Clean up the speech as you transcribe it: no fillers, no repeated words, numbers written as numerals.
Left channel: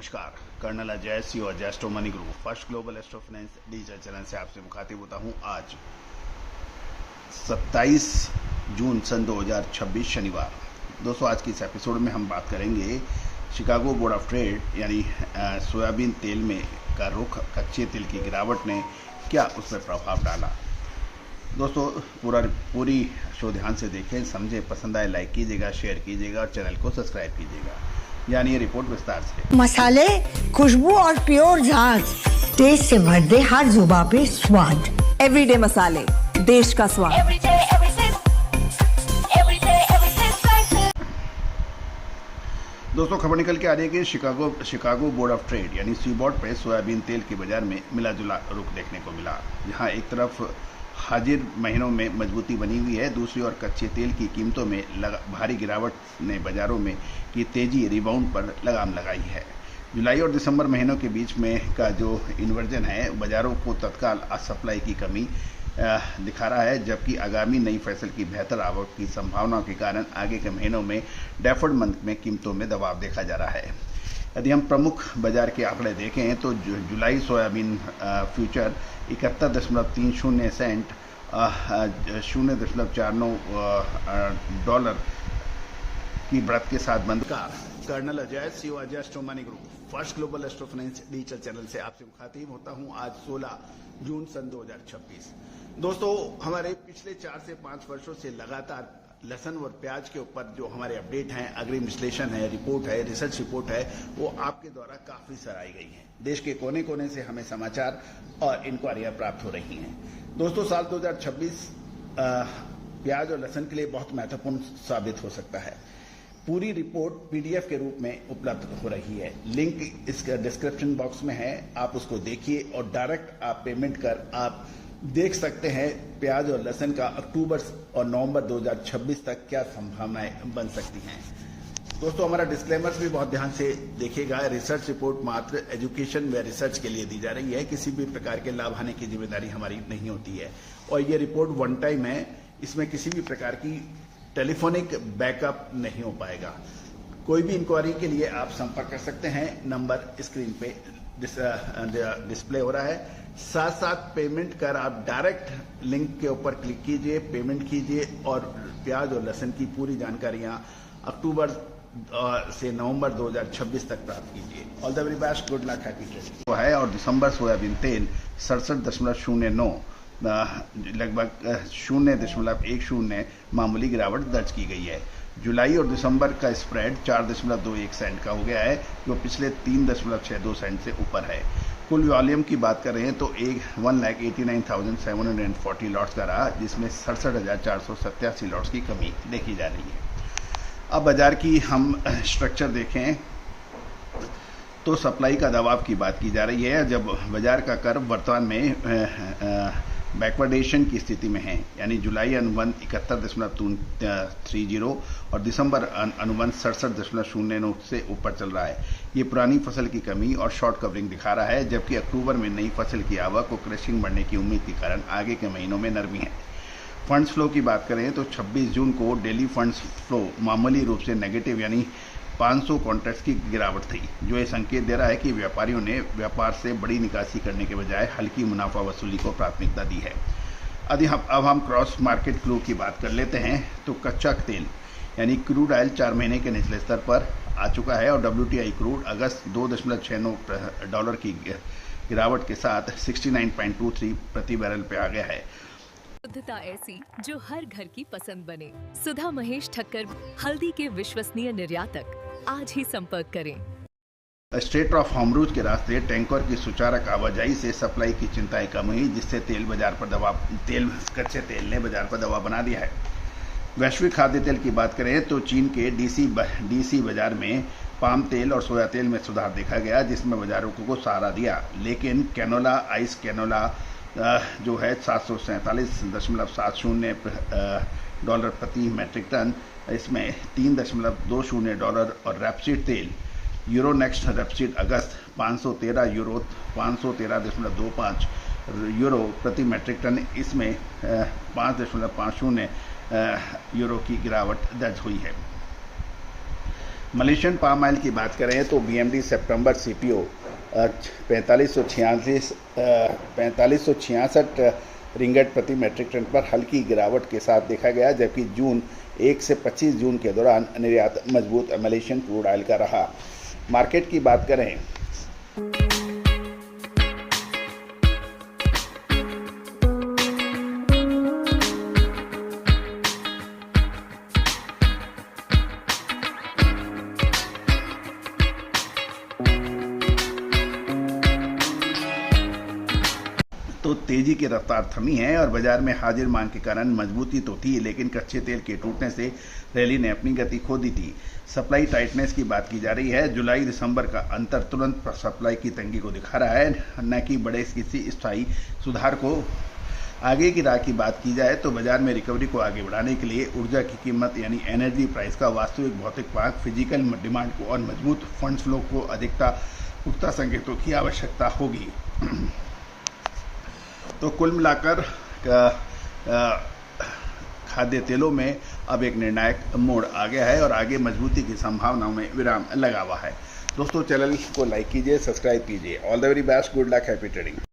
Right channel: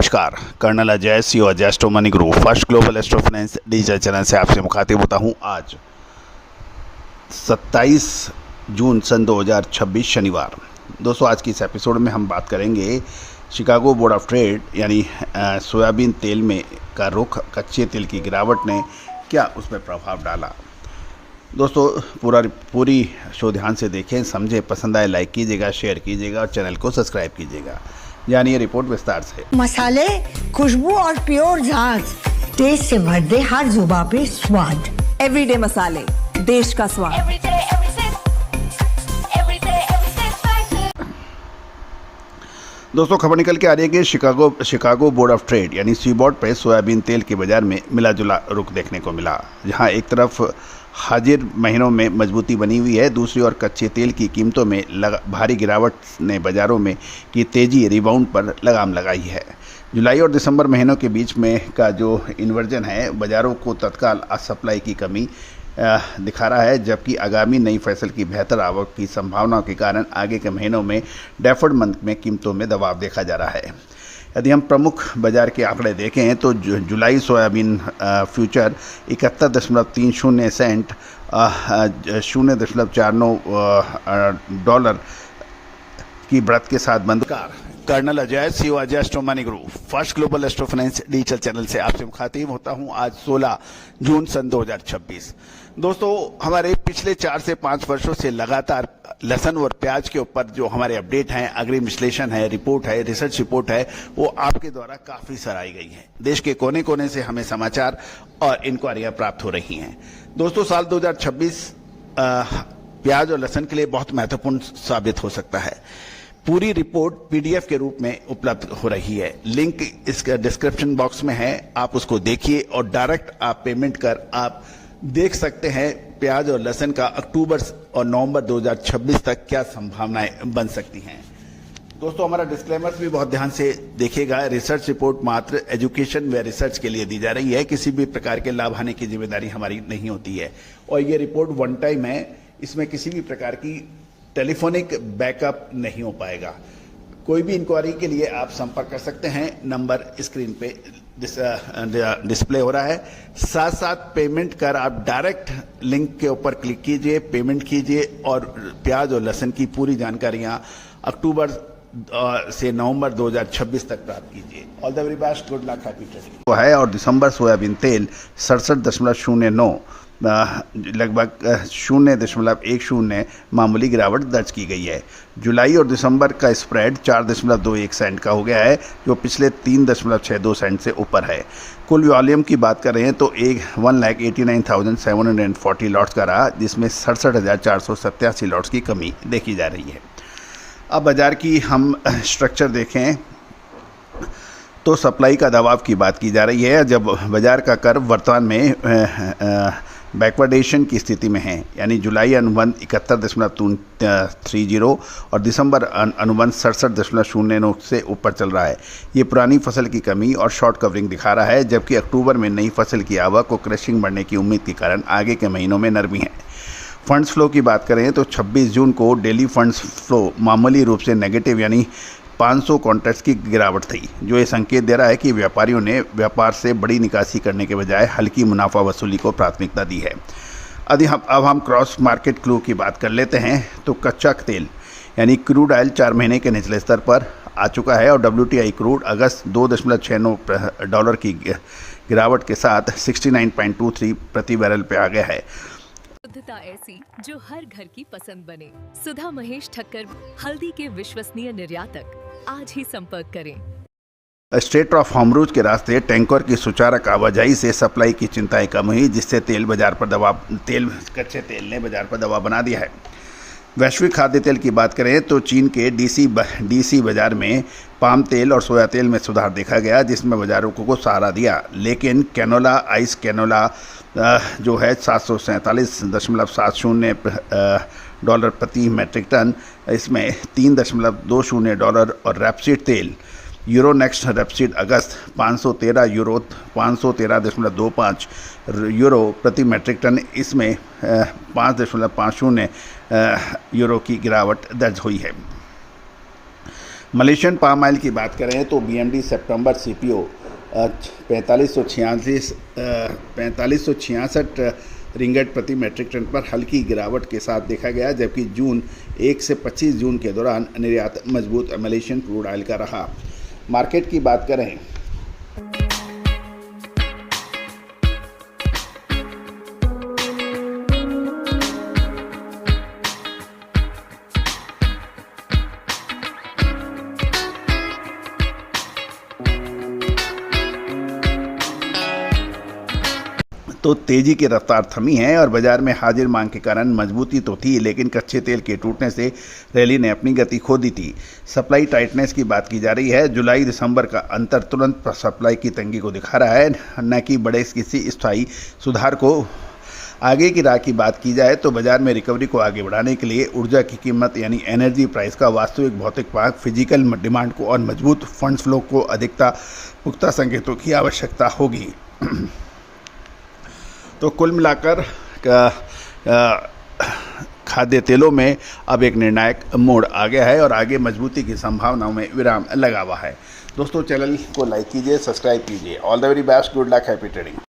नमस्कार, कर्नल अजय सी और astro money group first global astro finance digital channel से आपसे मुखातिब होता हूं। आज 27 जून सन 2026 शनिवार। दोस्तों, आज की इस एपिसोड में हम बात करेंगे शिकागो बोर्ड ऑफ ट्रेड यानी सोयाबीन तेल में का रुख, कच्चे तेल की गिरावट ने क्या उसमें प्रभाव डाला। दोस्तों, पूरी शो ध्यान से देखें, समझें, पसंद आए लाइक कीजिएगा, शेयर कीजिएगा और चैनल को सब्सक्राइब कीजिएगा। यानी ये रिपोर्ट विस्तार से। मसाले, खुशबू और प्योर झांझ, टेस्ट से भर दे हर जुबां पे स्वाद। एवरीडे मसाले, देश का स्वाद। दोस्तों, खबर निकल के आ रही है कि शिकागो बोर्ड ऑफ ट्रेड यानी सीबोर्ड पे सोयाबीन तेल के बाजार में मिला जुला रुख देखने को मिला, जहां एक तरफ हाजिर महीनों में मजबूती बनी हुई है, दूसरी ओर कच्चे तेल की कीमतों में भारी गिरावट ने बाज़ारों में की तेज़ी रिबाउंड पर लगाम लगाई है। जुलाई और दिसंबर महीनों के बीच में का जो इन्वर्जन है, बाज़ारों को तत्काल सप्लाई की कमी दिखा रहा है, जबकि आगामी नई फसल की बेहतर आवक की संभावनाओं के कारण आगे के महीनों में डेफर्ड मंथ में कीमतों में दबाव देखा जा रहा है। यदि हम प्रमुख बाजार के आंकड़े देखें तो जुलाई सोयाबीन फ्यूचर 71.30 सेंट 0.49 डॉलर की बढ़त के साथ बंद। कर्नल अजय सी और astro money group first global astro finance digital channel से आपसे मुखातिब होता हूं। आज 16 जून सन 2026। दोस्तों, हमारे पिछले 4 से 5 वर्षों से लगातार लहसुन और प्याज के ऊपर जो हमारे अपडेट हैं, अग्रिम विश्लेषण है, रिपोर्ट है, रिसर्च रिपोर्ट है, वो आपके द्वारा काफ़ी सराही गई है। देश के कोने कोने से हमें समाचार और इंक्वायरियाँ प्राप्त हो रही हैं। दोस्तों, साल 2026 प्याज और लहसुन के लिए बहुत महत्वपूर्ण साबित हो सकता है। पूरी रिपोर्ट पीडीएफ के रूप में उपलब्ध हो रही है, लिंक इसका डिस्क्रिप्शन बॉक्स में है, आप उसको देखिए और डायरेक्ट आप पेमेंट कर आप देख सकते हैं प्याज और लहसुन का अक्टूबर और नवंबर 2026 तक क्या संभावनाएं बन सकती हैं। दोस्तों, हमारा डिस्क्लेमर्स भी बहुत ध्यान से देखिएगा। रिसर्च रिपोर्ट मात्र एजुकेशन व रिसर्च के लिए दी जा रही है, किसी भी प्रकार के लाभ हानि की जिम्मेदारी हमारी नहीं होती है और ये रिपोर्ट वन टाइम है, इसमें किसी भी प्रकार की टेलीफोनिक बैकअप नहीं हो पाएगा। कोई भी इंक्वायरी के लिए आप संपर्क कर सकते हैं, नंबर स्क्रीन पे डिस्प्ले हो रहा है। साथ साथ पेमेंट कर आप डायरेक्ट लिंक के ऊपर क्लिक कीजिए, पेमेंट कीजिए और प्याज और लहसुन की पूरी जानकारियां अक्टूबर से नवंबर 2026 तक प्राप्त कीजिए। All the very best, good luck, happy trading है। और दिसंबर सोयाबीन तेल 67.09 लगभग 0.10 मामूली गिरावट दर्ज की गई है। जुलाई और दिसंबर का स्प्रेड 4.21 सेंट का हो गया है, जो पिछले 3.62 सेंट से ऊपर है। कुल वॉल्यूम की बात कर रहे हैं तो 1,89,740 लॉट्स का रहा, जिसमें 67,487 लॉट्स की कमी देखी जा रही है। अब बाज़ार की हम स्ट्रक्चर देखें तो सप्लाई का दबाव की बात की जा रही है, जब बाज़ार का कर्व वर्तमान में बैकवर्डेशन की स्थिति में है, यानी जुलाई अनुबंध 71.30 और दिसंबर अनुबंध 67.09 से ऊपर चल रहा है। ये पुरानी फसल की कमी और शॉर्ट कवरिंग दिखा रहा है, जबकि अक्टूबर में नई फसल की आवक और क्रशिंग बढ़ने की उम्मीद के कारण आगे के महीनों में नरमी है। फंड्स फ्लो की बात करें तो 26 जून को डेली फंड्स फ्लो मामूली रूप से नेगेटिव यानी 500 कॉन्ट्रैक्ट्स की गिरावट थी, जो ये संकेत दे रहा है कि व्यापारियों ने व्यापार से बड़ी निकासी करने के बजाय हल्की मुनाफा वसूली को प्राथमिकता दी है। अब हम क्रॉस मार्केट क्लू की बात कर लेते हैं तो कच्चा तेल यानी क्रूड ऑयल 4 महीने के निचले स्तर पर आ चुका है और WTI क्रूड अगस्त 2.69 डॉलर की गिरावट के साथ 69.23 प्रति बैरल पे आ गया है। शुद्धता ऐसी जो हर घर की पसंद बने। सुधा महेश ठक्कर, हल्दी के विश्वसनीय निर्यातक। आज ही संपर्क करें। स्ट्रेट ऑफ हॉर्मुज़ के रास्ते टैंकर की सुचारू आवाजाही से सप्लाई की चिंताएं कम हुई, जिससे कच्चे तेल ने बाजार पर दबाव बना दिया है। वैश्विक खाद्य तेल की बात करें तो चीन के डीसी बाजार में पाम तेल और सोया तेल में सुधार देखा गया, जिसमें बाजारों को सहारा दिया, लेकिन कैनोला आइस कैनोला जो है 747.70 डॉलर प्रति मैट्रिक टन, इसमें 3.20 डॉलर और रैपसीड तेल यूरोनेक्स्ट रैपसीड अगस्त 513.25 यूरो प्रति मैट्रिक टन, इसमें 5.50 यूरो की गिरावट दर्ज हुई है। मलेशियन पाम ऑयल की बात करें तो बीएमडी सितंबर सीपीओ 4566 रिंगट प्रति मेट्रिक टन पर हल्की गिरावट के साथ देखा गया, जबकि जून 1 से 25 जून के दौरान निर्यात मजबूत मलेशियन क्रूड ऑयल का रहा। मार्केट की बात करें तो तेजी की रफ्तार थमी है और बाजार में हाजिर मांग के कारण मजबूती तो थी, लेकिन कच्चे तेल के टूटने से रैली ने अपनी गति खो दी थी। सप्लाई टाइटनेस की बात की जा रही है। जुलाई दिसंबर का अंतर तुरंत सप्लाई की तंगी को दिखा रहा है, न कि बड़े किसी स्थायी सुधार को। आगे की राह की बात की जाए तो बाजार में रिकवरी को आगे बढ़ाने के लिए ऊर्जा की कीमत यानी एनर्जी प्राइस का वास्तविक भौतिक मांग, फिजिकल डिमांड को और मजबूत फंड फ्लो को अधिकता पुख्ता संकेतों की आवश्यकता होगी। तो कुल मिलाकर खाद्य तेलों में अब एक निर्णायक मोड़ आ गया है और आगे मजबूती की संभावनाओं में विराम लगा हुआ है। दोस्तों, चैनल को लाइक कीजिए, सब्सक्राइब कीजिए। All the very best, good luck, happy trading.